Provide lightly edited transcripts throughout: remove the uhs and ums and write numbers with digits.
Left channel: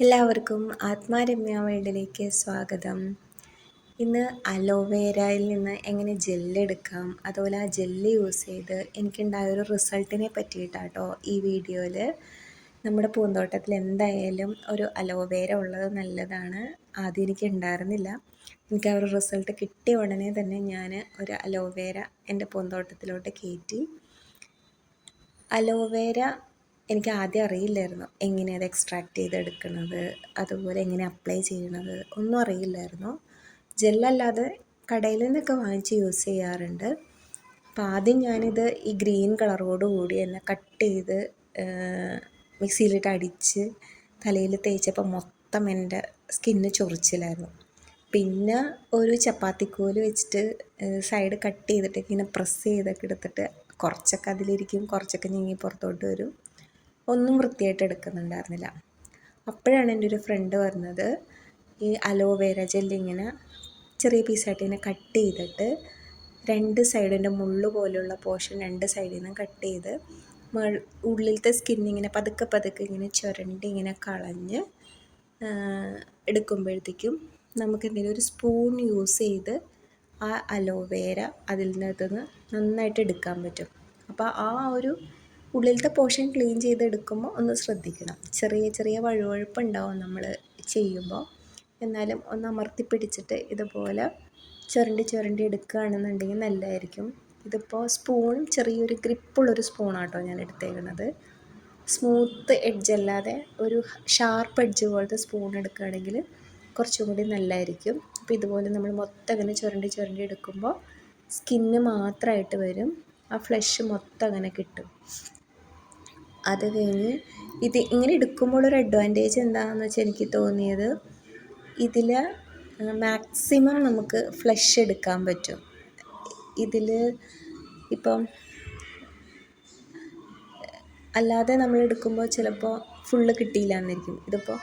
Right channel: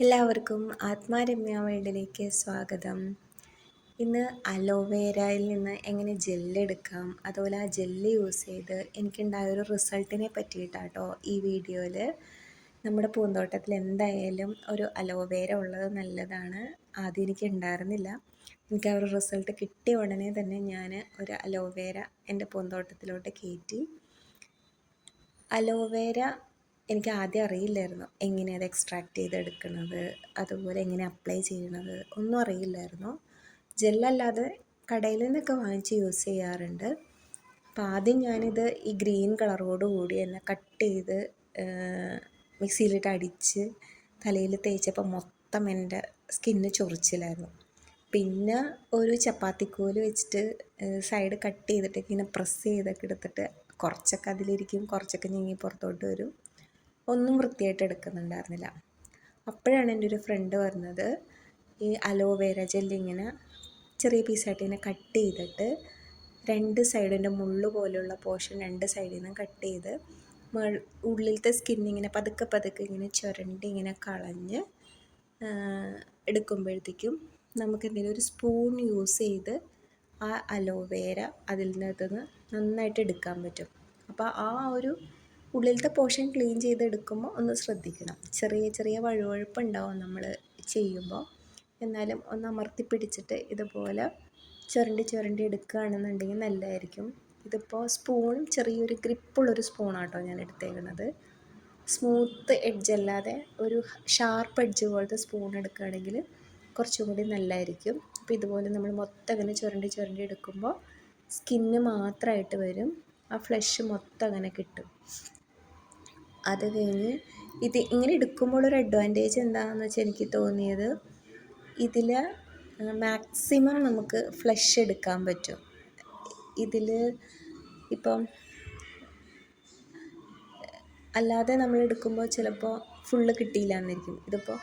എല്ലാവർക്കും ആത്മാരമ്യ വേൾഡിലേക്ക് സ്വാഗതം. ഇന്ന് അലോവേരയിൽ നിന്ന് എങ്ങനെ ജെല്ലെടുക്കാം, അതുപോലെ ആ ജെല്ല് യൂസ് ചെയ്ത് എനിക്കുണ്ടായൊരു റിസൾട്ടിനെ പറ്റിയിട്ടാട്ടോ ഈ വീഡിയോയിൽ. നമ്മുടെ പൂന്തോട്ടത്തിൽ എന്തായാലും ഒരു അലോവേര ഉള്ളത് നല്ലതാണ്. ആദ്യം എനിക്ക് ഉണ്ടായിരുന്നില്ല. എനിക്ക് ആ ഒരു റിസൾട്ട് കിട്ടിയ ഉടനെ തന്നെ ഞാൻ ഒരു അലോവേര എൻ്റെ പൂന്തോട്ടത്തിലോട്ട് കയറ്റി. അലോവേര എനിക്ക് ആദ്യം അറിയില്ലായിരുന്നു എങ്ങനെ അത് എക്സ്ട്രാക്ട് ചെയ്തെടുക്കുന്നത്, അതുപോലെ എങ്ങനെ അപ്ലൈ ചെയ്യണത് ഒന്നും അറിയില്ലായിരുന്നു. ജെല്ലല്ലാതെ കടയിൽ നിന്നൊക്കെ വാങ്ങിച്ച് യൂസ് ചെയ്യാറുണ്ട്. അപ്പോൾ ആദ്യം ഞാനിത് ഈ ഗ്രീൻ കളറോട് കൂടി തന്നെ കട്ട് ചെയ്ത് മിക്സിയിലിട്ട് അടിച്ച് തലയിൽ തേച്ചപ്പോൾ മൊത്തം എൻ്റെ സ്കിന്ന് ചൊറിച്ചിലായിരുന്നു. പിന്നെ ഒരു ചപ്പാത്തിക്കോല് വെച്ചിട്ട് സൈഡ് കട്ട് ചെയ്തിട്ട് ഇങ്ങനെ പ്രസ് ചെയ്തൊക്കെ എടുത്തിട്ട് കുറച്ചൊക്കെ അതിലിരിക്കും, കുറച്ചൊക്കെ ഞെങ്ങി പുറത്തോട്ട് വരും. ഒന്നും വൃത്തിയായിട്ട് എടുക്കുന്നുണ്ടായിരുന്നില്ല. അപ്പോഴാണ് എൻ്റെ ഒരു ഫ്രണ്ട് പറഞ്ഞത്, ഈ അലോവേര ജെല്ലിങ്ങനെ ചെറിയ പീസായിട്ട് ഇങ്ങനെ കട്ട് ചെയ്തിട്ട് രണ്ട് സൈഡിൻ്റെ മുള്ളു പോലുള്ള പോർഷൻ രണ്ട് സൈഡിൽ നിന്ന് കട്ട് ചെയ്ത് ഉള്ളിലത്തെ സ്കിന്നിങ്ങനെ പതുക്കെ പതുക്കെ ഇങ്ങനെ ചുരണ്ടി ഇങ്ങനെ കളഞ്ഞ് എടുക്കുമ്പോഴത്തേക്കും നമുക്ക് എന്തെങ്കിലും ഒരു സ്പൂൺ യൂസ് ചെയ്ത് ആ അലോവേര അതിൽ നിന്ന് നന്നായിട്ട് എടുക്കാൻ പറ്റും. അപ്പോൾ ആ ഒരു ഉള്ളിലത്തെ പോർഷൻ ക്ലീൻ ചെയ്തെടുക്കുമ്പോൾ ഒന്ന് ശ്രദ്ധിക്കണം. ചെറിയ ചെറിയ വഴുവഴുപ്പുണ്ടാവും നമ്മൾ ചെയ്യുമ്പോൾ. എന്നാലും ഒന്ന് അമർത്തി പിടിച്ചിട്ട് ഇതുപോലെ ചുരണ്ടി ചുരണ്ടി എടുക്കുകയാണെന്നുണ്ടെങ്കിൽ നല്ലതായിരിക്കും. ഇതിപ്പോൾ സ്പൂൺ ചെറിയൊരു ഗ്രിപ്പുള്ളൊരു സ്പൂണാട്ടോ ഞാൻ എടുത്തേക്കുന്നത്. സ്മൂത്ത് എഡ്ജ് അല്ലാതെ ഒരു ഷാർപ്പ് എഡ്ജ് പോലത്തെ സ്പൂൺ എടുക്കുകയാണെങ്കിൽ കുറച്ചും കൂടി നല്ലതായിരിക്കും. അപ്പോൾ ഇതുപോലെ നമ്മൾ മൊത്തം അങ്ങനെ ചുരണ്ടി ചുരണ്ടി എടുക്കുമ്പോൾ സ്കിന്ന് മാത്രമായിട്ട് വരും, ആ ഫ്ലഷ് മൊത്തം അങ്ങനെ കിട്ടും. അത് കഴിഞ്ഞ് ഇത് ഇങ്ങനെ എടുക്കുമ്പോൾ ഒരു അഡ്വാൻറ്റേജ് എന്താണെന്ന് വെച്ചാൽ എനിക്ക് തോന്നിയത്, ഇതിൽ മാക്സിമം നമുക്ക് ഫ്ലഷ് എടുക്കാൻ പറ്റും. ഇതിൽ ഇപ്പം അല്ലാതെ നമ്മൾ എടുക്കുമ്പോൾ ചിലപ്പോൾ ഫുള്ള് കിട്ടിയില്ല എന്നിരിക്കും. ഇതിപ്പോൾ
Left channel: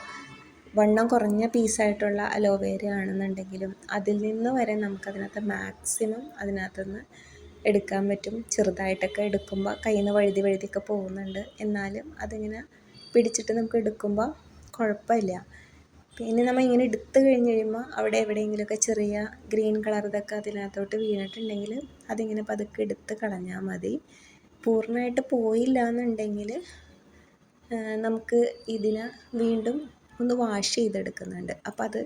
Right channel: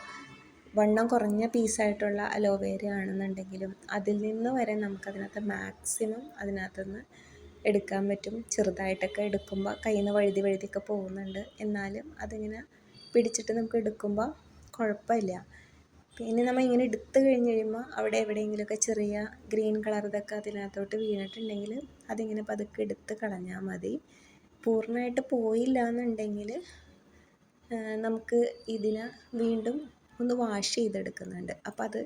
വണ്ണം കുറഞ്ഞ പീസായിട്ടുള്ള അലോവേര ആണെന്നുണ്ടെങ്കിലും അതിൽ നിന്ന് വരെ നമുക്കതിനകത്ത് മാക്സിമം അതിനകത്തുനിന്ന് എടുക്കാൻ പറ്റും. ചെറുതായിട്ടൊക്കെ എടുക്കുമ്പോൾ കയ്യിൽ നിന്ന് വഴുതി വഴുതിയൊക്കെ പോകുന്നുണ്ട്, എന്നാലും അതിങ്ങനെ പിടിച്ചിട്ട് നമുക്ക് എടുക്കുമ്പോൾ കുഴപ്പമില്ല. പിന്നെ നമ്മൾ ഇങ്ങനെ എടുത്ത് കഴിഞ്ഞ് കഴിയുമ്പോൾ അവിടെ എവിടെയെങ്കിലുമൊക്കെ ചെറിയ ഗ്രീൻ കളർ ഇതൊക്കെ അതിനകത്തോട്ട് വീണിട്ടുണ്ടെങ്കിൽ അതിങ്ങനെ പതുക്കെ എടുത്ത് കളഞ്ഞാൽ മതി. പൂർണ്ണമായിട്ട് പോയില്ല എന്നുണ്ടെങ്കിൽ നമുക്ക് ഇതിനെ വീണ്ടും ഒന്ന് വാഷ് ചെയ്തെടുക്കുന്നുണ്ട്. അപ്പോൾ അത്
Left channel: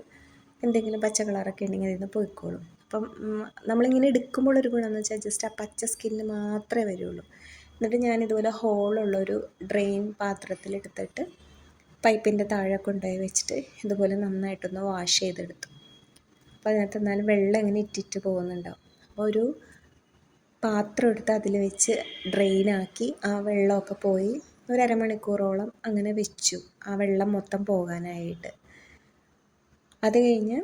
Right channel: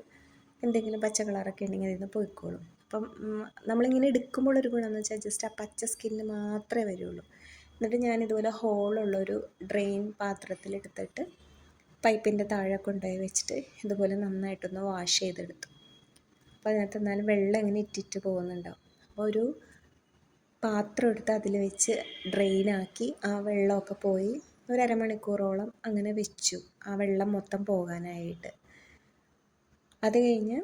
എന്തെങ്കിലും പച്ച കളറൊക്കെ ഉണ്ടെങ്കിൽ അതിൽ നിന്ന് പോയിക്കോളും. അപ്പം നമ്മളിങ്ങനെ എടുക്കുമ്പോഴൊരു ഗുണമെന്ന് വെച്ചാൽ ജസ്റ്റ് ആ പച്ച സ്കിന്ന് മാത്രമേ വരുള്ളൂ. എന്നിട്ട് ഞാനിതുപോലെ ഹോളുള്ളൊരു ഡ്രെയിൻ പാത്രത്തിലെടുത്തിട്ട് പൈപ്പിൻ്റെ താഴെ കൊണ്ടുപോയി വെച്ചിട്ട് ഇതുപോലെ നന്നായിട്ടൊന്ന് വാഷ് ചെയ്തെടുത്തു. അപ്പോൾ അതിനകത്ത് എന്നാലും വെള്ളം ഇങ്ങനെ ഇറ്റിറ്റ് പോകുന്നുണ്ടാവും. അപ്പോൾ ഒരു പാത്രം എടുത്ത് അതിൽ വെച്ച് ഡ്രെയിനാക്കി ആ വെള്ളമൊക്കെ പോയി ഒരു അരമണിക്കൂറോളം അങ്ങനെ വെച്ചു, ആ വെള്ളം മൊത്തം പോകാനായിട്ട്. അത് കഴിഞ്ഞ്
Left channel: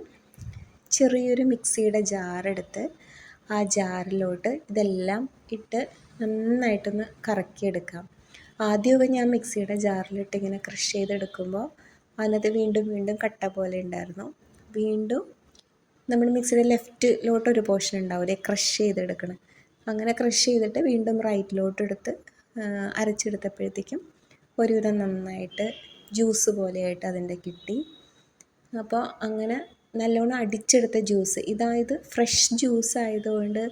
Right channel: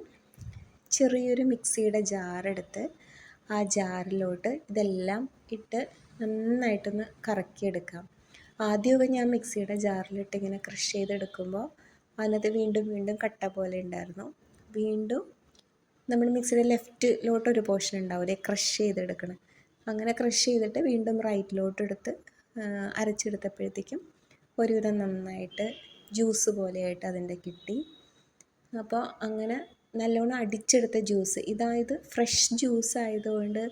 ചെറിയൊരു മിക്സിയുടെ ജാറെടുത്ത് ആ ജാറിലോട്ട് ഇതെല്ലാം ഇട്ട് നന്നായിട്ടൊന്ന് കറക്കിയെടുക്കാം. ആദ്യമൊക്കെ ഞാൻ മിക്സിയുടെ ജാറിലിട്ട് ഇങ്ങനെ ക്രഷ് ചെയ്തെടുക്കുമ്പോൾ അതിനകത്ത് വീണ്ടും വീണ്ടും കട്ട പോലെ ഉണ്ടായിരുന്നു. വീണ്ടും നമ്മൾ മിക്സിയുടെ ലെഫ്റ്റിലോട്ടൊരു പോർഷൻ ഉണ്ടാവില്ലേ ക്രഷ് ചെയ്തെടുക്കണം, അങ്ങനെ ക്രഷ് ചെയ്തിട്ട് വീണ്ടും റൈറ്റിലോട്ട് എടുത്ത് അരച്ചെടുത്തപ്പോഴത്തേക്കും ഒരുവിധം നന്നായിട്ട് ജ്യൂസ് പോലെയായിട്ട് അതിൻ്റെ കിട്ടി. അപ്പോൾ അങ്ങനെ നല്ലോണം അടിച്ചെടുത്ത ജ്യൂസ്, ഇതായത് ഫ്രഷ് ജ്യൂസ് ആയതുകൊണ്ട്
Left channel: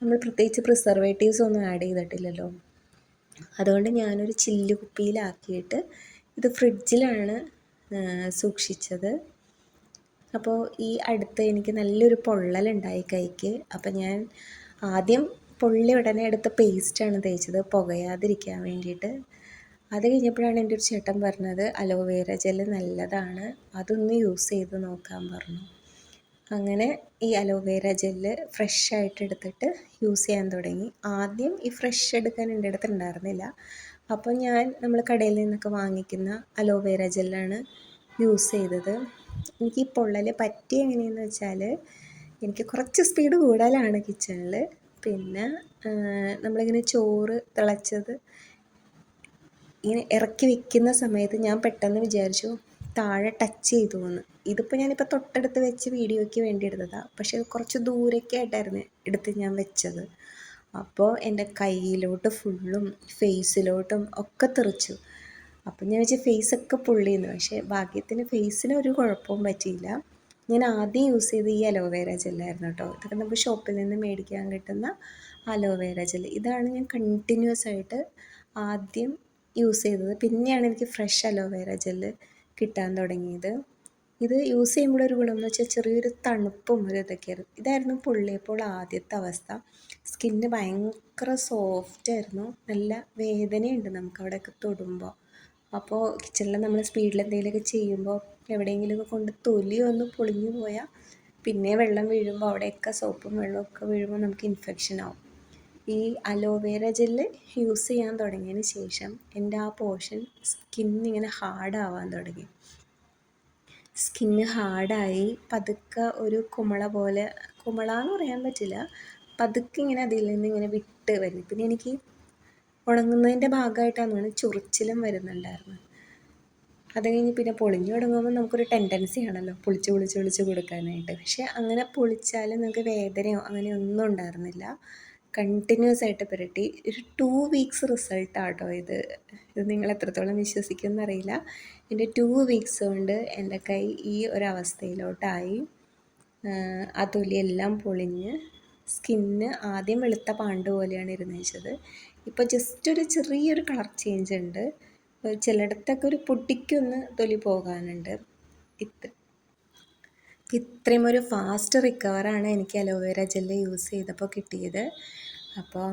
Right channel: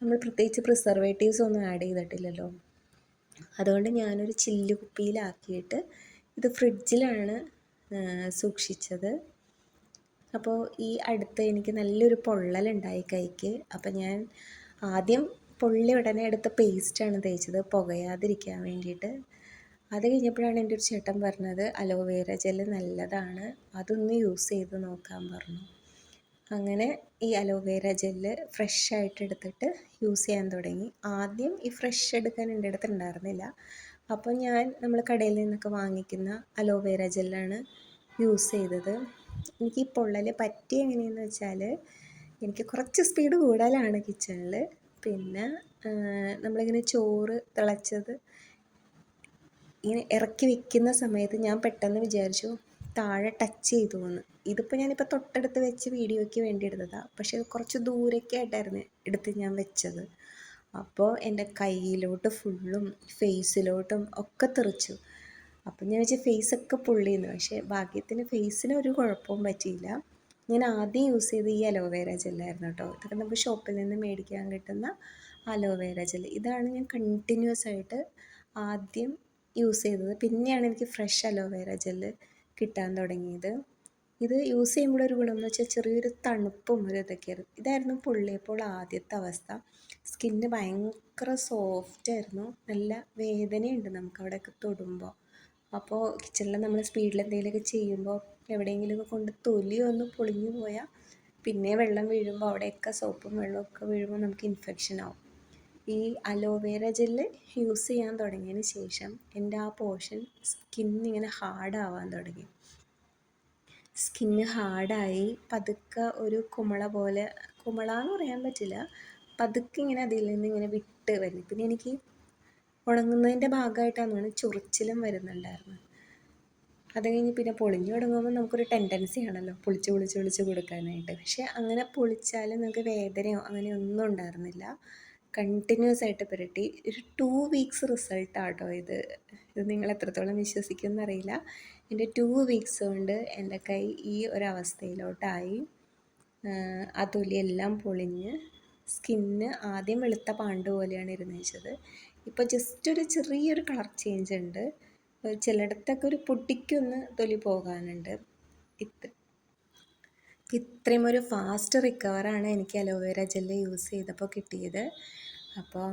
നമ്മൾ പ്രത്യേകിച്ച് പ്രിസർവേറ്റീവ്സ് ഒന്നും ആഡ് ചെയ്തിട്ടില്ലല്ലോ. അതുകൊണ്ട് ഞാനൊരു ചില്ല് കുപ്പിയിലാക്കിയിട്ട് ഇത് ഫ്രിഡ്ജിലാണ് സൂക്ഷിച്ചത്. അപ്പോൾ ഈ അടുത്ത് എനിക്ക് നല്ലൊരു പൊള്ളലുണ്ടായി കൈക്ക്. അപ്പം ഞാൻ ആദ്യം പൊള്ളി ഉടനെ എടുത്ത പേസ്റ്റാണ് തേച്ചത് പുകയാതിരിക്കാൻ വേണ്ടിയിട്ട്. അത് കഴിഞ്ഞപ്പോഴാണ് എൻ്റെ ഒരു ചേട്ടൻ പറഞ്ഞത് അലോവേര ജെല്ല് നല്ലതാണ്, അതൊന്ന് യൂസ് ചെയ്ത് നോക്കാൻ പറഞ്ഞു. അങ്ങനെ ഈ അലോവേര ജെല്ല് ഫ്രഷായിട്ട് എടുത്തിട്ട് യൂസ് ചെയ്യാൻ തുടങ്ങി. ആദ്യം ഈ ഫ്രഷ് എടുക്കാൻ എൻ്റെ അടുത്ത് ഉണ്ടായിരുന്നില്ല. അപ്പോൾ നമ്മൾ കടയിൽ നിന്നൊക്കെ വാങ്ങിക്കുന്ന അലോവേര ജെല്ലാണ് യൂസ് ചെയ്തത്. എനിക്ക് ഈ പൊള്ളൽ പറ്റി എങ്ങനെയെന്ന് വെച്ചാൽ, എനിക്ക് കുറച്ച് സ്പീഡ് കൂടുതലാണ് കിച്ചണിൽ. പിന്നെ നമ്മളിങ്ങനെ ചോറ് തിളച്ചത് ഇങ്ങനെ ഇറക്കി വെക്കുന്ന സമയത്ത് ഞാൻ പെട്ടെന്ന് വിചാരിച്ചു താഴെ ടച്ച് ചെയ്തു എന്ന്. ഇതിപ്പോൾ ഞാനിപ്പോൾ തൊട്ടടുത്ത് വെച്ച് വീഡിയോയ്ക്ക് വേണ്ടി എടുത്തതാണ്, പക്ഷേ കുറച്ച് ദൂരൊക്കെ ആയിട്ടായിരുന്നു എടുത്ത് ഞാൻ വെച്ചത്. അപ്പോൾ എൻ്റെ കയ്യിലോട്ട് ഫുള്ളും ഫേസിലോട്ടും ഒക്കെ തെറിച്ചു. അപ്പം ഞാൻ വെച്ചാൽ ഫേസൊക്കെ പൊള്ളിയെന്ന്. പക്ഷേ ഭാഗ്യത്തിന് ഫേസിന് ഒരു കുഴപ്പവും പറ്റിയില്ല. ഞാൻ ആദ്യം യൂസ് ചെയ്ത് ഈ അലോവേര ജെല്ലായിരുന്നു കേട്ടോ. ഇതൊക്കെ നമുക്ക് ഷോപ്പിൽ നിന്ന് മേടിക്കാൻ കിട്ടുന്ന അലോവേര ജെൽ. ഇതാണ് ഞാൻ കണ്ടിന്യൂസ് ആയിട്ട് ആദ്യം യൂസ് ചെയ്തത്. പിന്നെയാണ് എനിക്ക് ഫ്രഷ് അലോവേര ജെല്ല് കിട്ടാൻ തുടങ്ങിയത്. ഇത് യൂസ് ചെയ്യുമ്പോഴൊരു ഗുണം എന്ന് വെച്ചാൽ ചെറിയൊരു തണുപ്പും ഒരു ഇതൊക്കെയായിരുന്നു. ഇതായിരുന്നു പൊള്ളിയപ്പോൾ ആദ്യത്തെ അവസ്ഥ. സ്കിന്ന് ഭയങ്കര സോഫ്റ്റായിരുന്നു. നല്ല വേദനയുണ്ട് നമുക്ക് അവിടെയൊക്കെ തൊടുമ്പോൾ. അപ്പോൾ കിച്ചണിൽ നമ്മൾ സ്പീഡിൽ എന്തെങ്കിലുമൊക്കെ ചെയ്യുമ്പോൾ എവിടെയെങ്കിലുമൊക്കെ കൊണ്ട് തൊലി ഒന്ന് പൊളിഞ്ഞു പോയാൽ പിന്നെ വെള്ളം വീഴുമ്പോൾ അവിടെയൊക്കെ സോപ്പും വെള്ളമൊക്കെ വീഴുമ്പോൾ നമുക്ക് ഇൻഫെക്ഷൻ ആവും. ഈ അലോവേര ജെല്ല് യൂസ് ചെയ്യാൻ തുടങ്ങിയതിന് ശേഷം എൻ്റെ ആ പോർഷൻ സ്കിന്നിങ്ങനെ ഹാർഡാവാൻ തുടങ്ങി. സ്കിന്ന് ഹാർഡായി പതുക്കെ ഒരു കുമിള പോലെ, കുമിളാന്ന് പറയാൻ പറ്റില്ല, പതുക്കെ ഇങ്ങനെ അതിൽ നിന്ന് ഇങ്ങനെ വിട്ട് വരും. പിന്നെ എനിക്ക് ഉണങ്ങുന്നതിൻ്റെ ഭാഗമായിട്ടാണ് ചൊറിച്ചിലും വരുന്നുണ്ടായിരുന്നു. അത് കഴിഞ്ഞ് പിന്നെ പൊളിഞ്ഞു തുടങ്ങുമ്പോൾ നമുക്കൊരു ടെൻഡൻസി ആണല്ലോ പൊളിച്ച് കൊടുക്കാനായിട്ട്. പക്ഷെ അങ്ങനെ പൊളിച്ചാലും നമുക്ക് വേദനയോ അങ്ങനെയൊന്നും ഉണ്ടായിരുന്നില്ല. കണ്ടിന്യൂസ് ആയിട്ട് പുരട്ടി ഒരു 2 വീക്സ് റിസൾട്ടാട്ടോ ഇത്. നിങ്ങൾ എത്രത്തോളം വിശ്വസിക്കുമെന്നറിയില്ല. എൻ്റെ 2 വീക്സ് കൊണ്ട് എൻ്റെ കൈ ഈ ഒരവസ്ഥയിലോട്ടായി. ആ തൊലിയെല്ലാം പൊളിഞ്ഞ് സ്കിന്ന് ആദ്യം വെളുത്ത പാണ്ട് പോലെയാണ് ഇരുന്നത്. ഇപ്പോൾ ജസ്റ്റ് ഒരു ചെറിയൊരു കളർ ചേഞ്ച് ഉണ്ട്. ചിലയിടത്തൊക്കെ ഒരു പൊട്ടിക്കൊന്ന് തൊലി പോകാനുണ്ട്. ഇത്രയും ഒരു ഫാസ്റ്റ് റിക്കവറാണ് എനിക്ക് അലോവേര ജെല്ല് യൂസ് ചെയ്തപ്പോൾ കിട്ടിയത്. അപ്പോൾ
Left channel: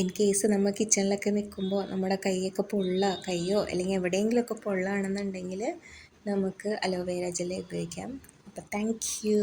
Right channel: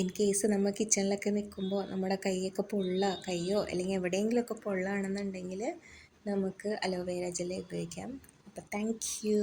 ഇൻ കേസ് നമ്മൾ കിച്ചണിലൊക്കെ നിൽക്കുമ്പോൾ നമ്മുടെ കൈയൊക്കെ കൈയോ അല്ലെങ്കിൽ എവിടെയെങ്കിലുമൊക്കെ പൊള്ളാണെന്നുണ്ടെങ്കിൽ നമുക്ക് അലോവേര ജെല്ല് ഉപയോഗിക്കാം. അപ്പോൾ താങ്ക് യു.